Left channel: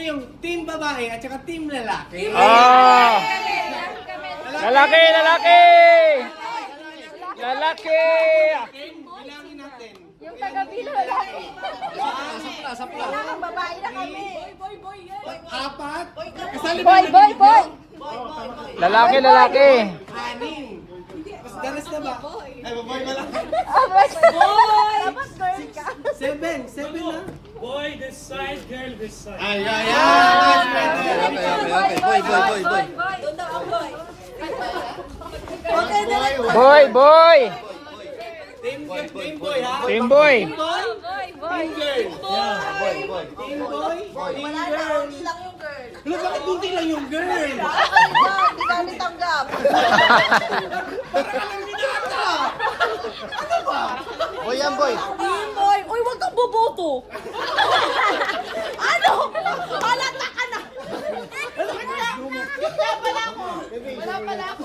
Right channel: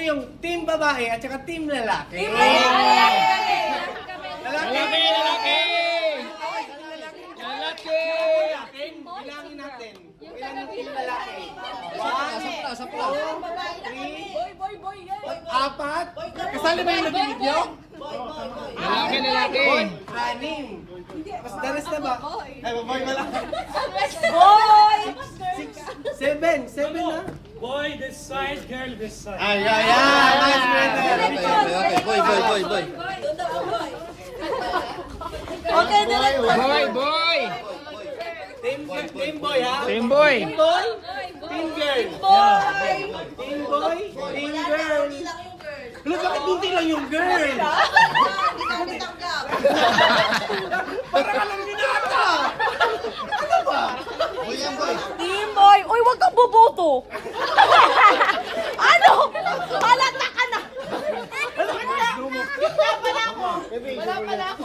Yung team babae at saka team lalaki. Lalaki, lalaki! Lalaki! Bilangin natin. Yung taga-bilo lalaki. Sapla. Yung babae na kami. Apat. Kasali ba yung Boy, nag-video? Lalaki, lalaki! Anim. Mas daras na ba? Ay, baboy ba lang? Boy! Seven na. Boy this side, girl this side. Ay. Boy. Okay, direct. Boy, boy! Team boy ha? Team boy! Team boy? Team girl? Team boy? Team girl? Ano, bakit hindi lang yung girl? Hindi kami tanggap. Boy yan, boy. Team boy. Uy, wag kang boboto. Ano? Halata ka na. Wala pala ako.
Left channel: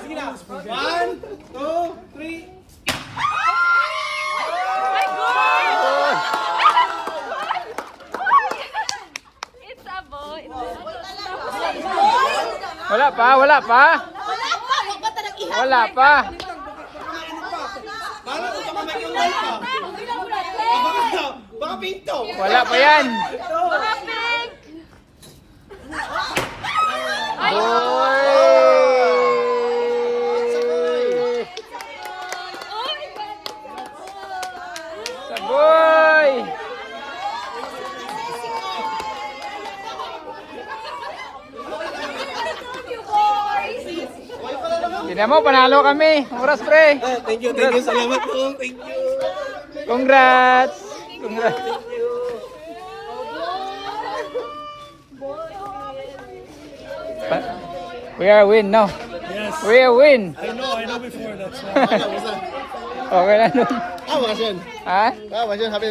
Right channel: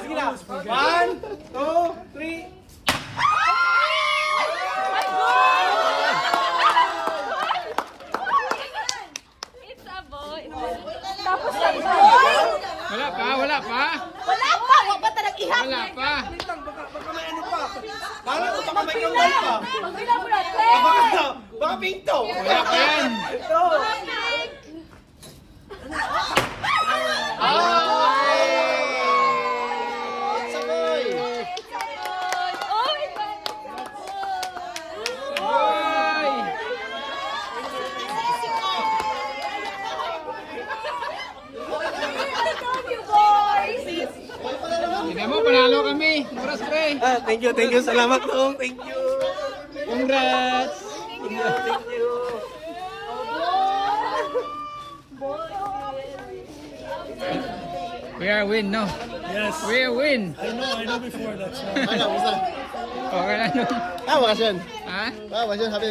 Sige na. 1, 2, 3. Ay, good! It's a boy. Tapos na boy. Wala pa, wala pa! Wala pa. Wag ba talagang ihap? Wala pa! Paano kung baka may kamay pa? Magbilang mo na. Baka pinto. Wala pa yan! Mga pink. Ay, Saboy! Tignan mo, panalo kami! Oras, pre! Thank you. Salamat po. Thank you. Congrats! Congrats! We are win, no? Yes. We are win! I know before that's Okay lang. Ah, wakas yun. Ha? Ah, wakas yun. Happy